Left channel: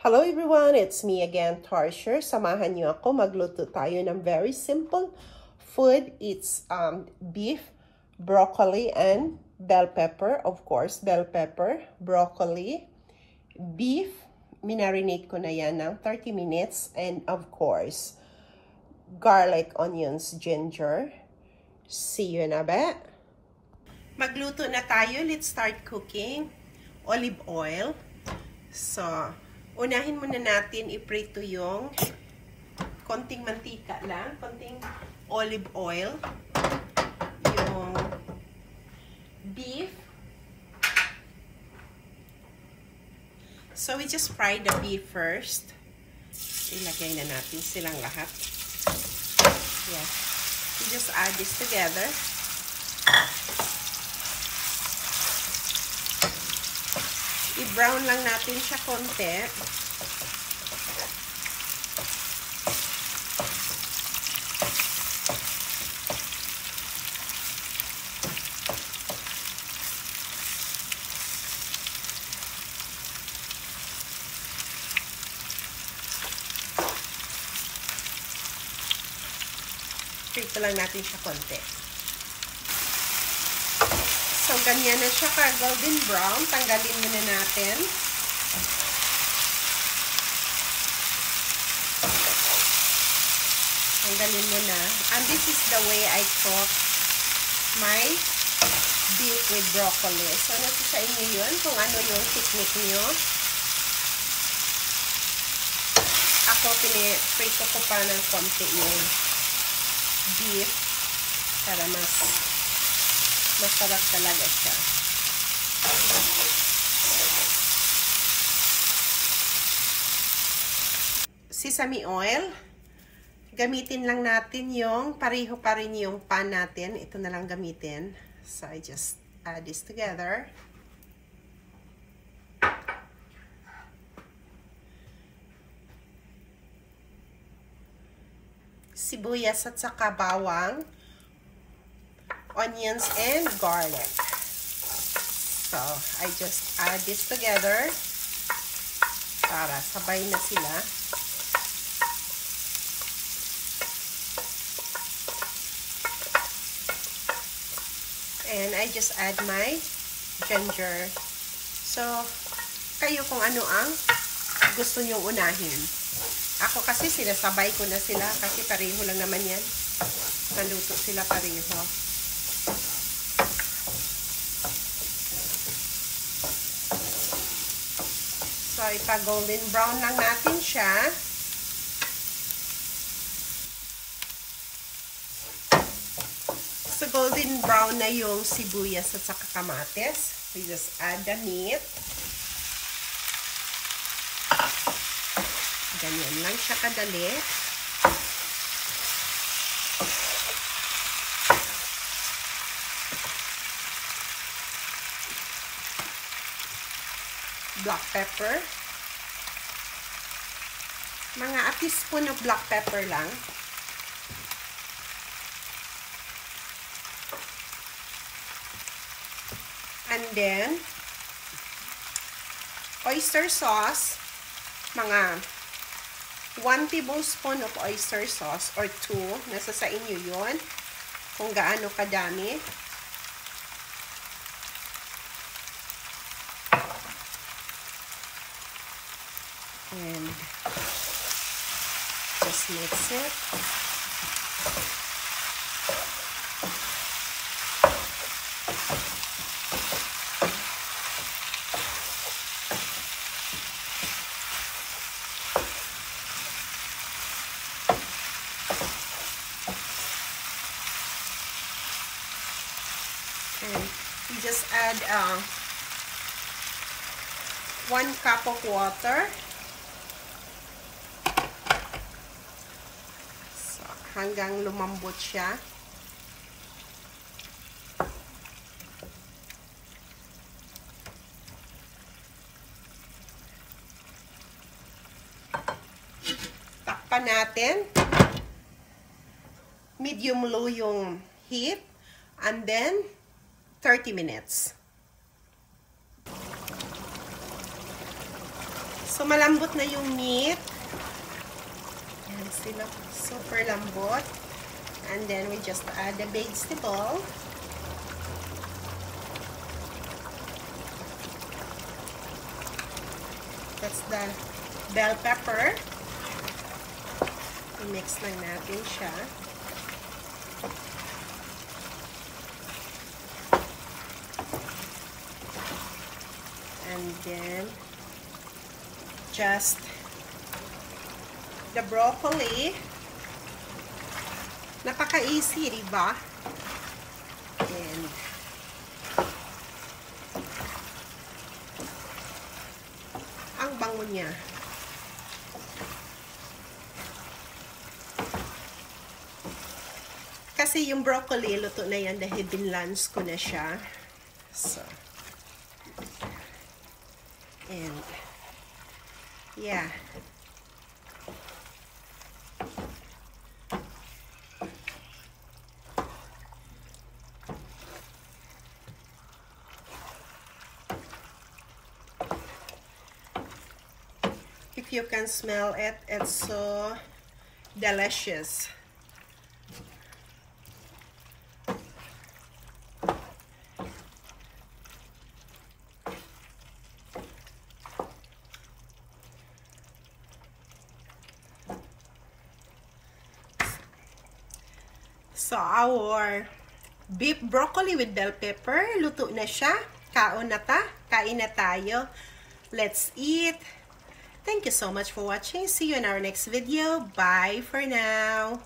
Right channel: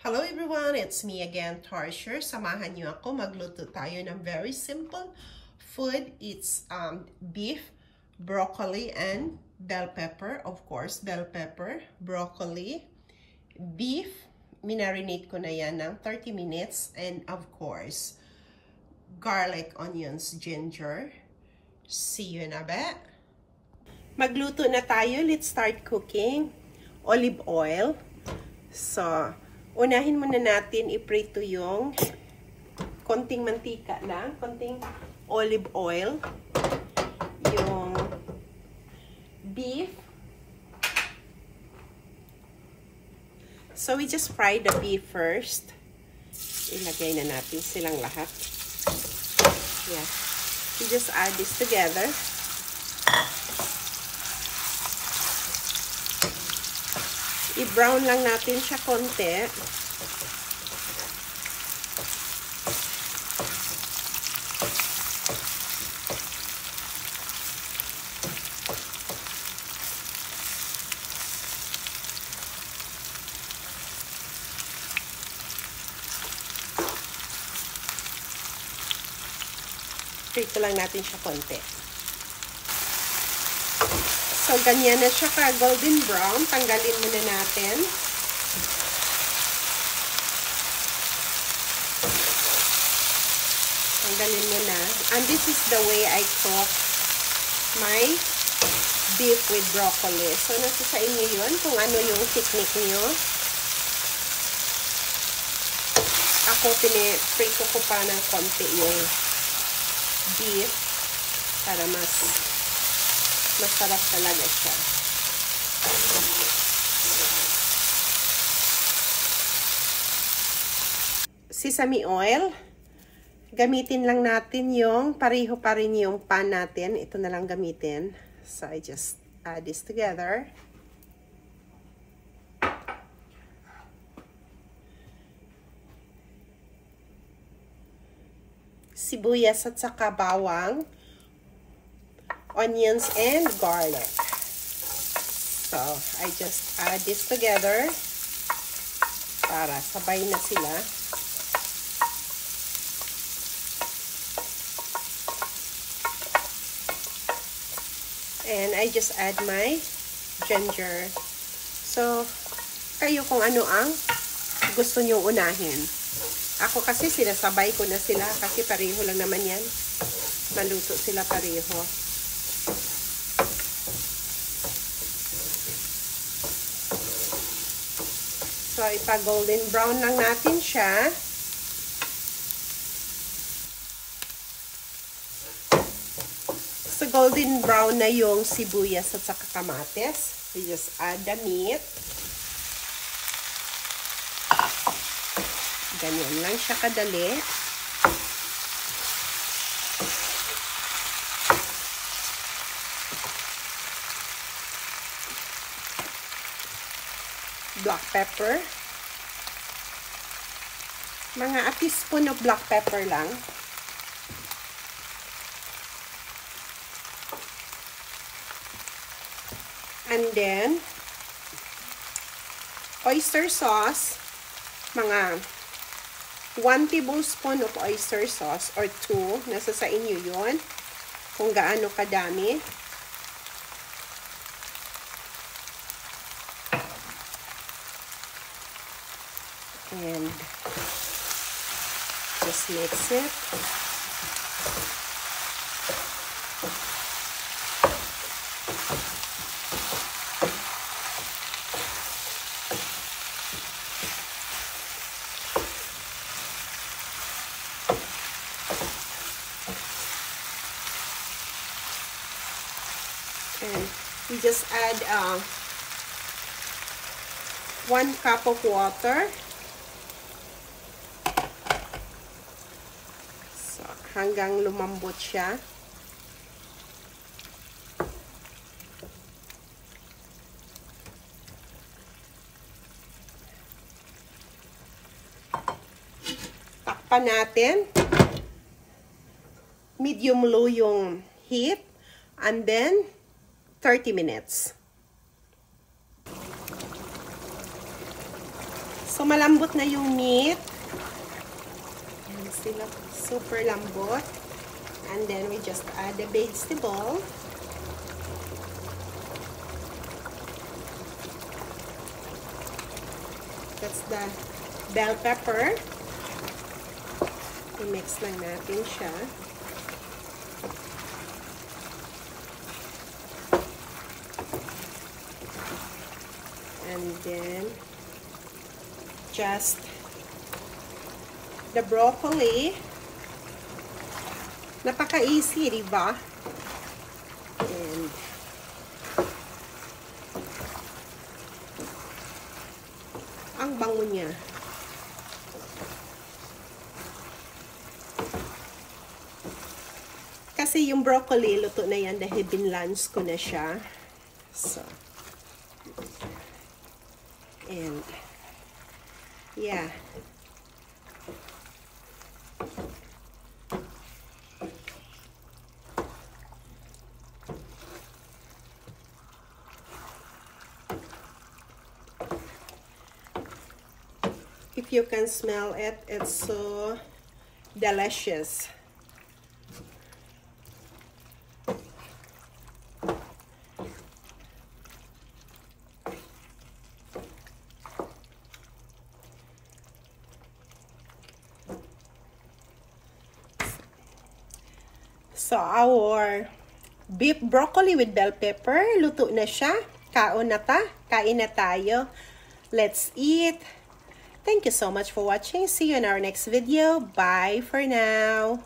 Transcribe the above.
Hello everyone, it's me again, Tarsher. Samahan niyo ako, magluto tayo ng very simple food. It's beef, broccoli, and bell pepper. Of course, bell pepper, broccoli, beef. Minarinate ko na yan ng 30 minutes. And of course, garlic, onions, ginger. See you in a bit. Magluto na tayo. Let's start cooking. Olive oil. So, unahin muna natin iprito yung konting mantika lang, konting olive oil, yung beef. So we just fry the beef first. Ilagay na natin silang lahat. Yeah. We just add this together. I-brown lang natin siya konti. Prito lang natin siya konti. So, ganyan na siya ka golden brown. Tanggalin muna natin. Tanggalin muna. And this is the way I cook my beef with broccoli. So, nasa sa inyo yun kung ano yung technique nyo. Ako, prito ko pa ng konti yung beef para masarap talaga siya. Sesame oil. Gamitin lang natin yung pareho pa rin yung pan natin. Ito na lang gamitin. So, I just add this together. Sibuyas at saka bawang. Onions and garlic. So, I just add this together para sabay na sila. And I just add my ginger. So, kayo kung ano ang gusto nyo unahin. Ako kasi sinasabay ko na sila kasi pareho lang naman yan. Maluto sila pareho. So, ipa-golden brown lang natin siya. So, golden brown na yung sibuyas at saka kamatis. So, just add the meat. Ganyan lang siya kadali. Black pepper. Mga a teaspoon of black pepper lang. And then, oyster sauce. Mga 1 tablespoon of oyster sauce or 2. Nasa sa inyo yun. Kung gaano kadami. And just mix it. And you just add 1 cup of water. So, hanggang lumambot siya. Takpan natin. Medium low yung heat. And then, 30 minutes. So, malambot na yung meat. Yan sila. Super lambot. And then, we just add the vegetable. That's the bell pepper. I-mix lang natin siya. And then, just the broccoli. Napaka-easy, diba? And ang bango niya. Kasi yung broccoli, luto na yan dahil binlance ko na siya. So, and, yeah. If you can smell it, it's so delicious. So, our beef broccoli with bell pepper, luto na siya. Kain na tayo. Let's eat. Thank you so much for watching. See you in our next video. Bye for now.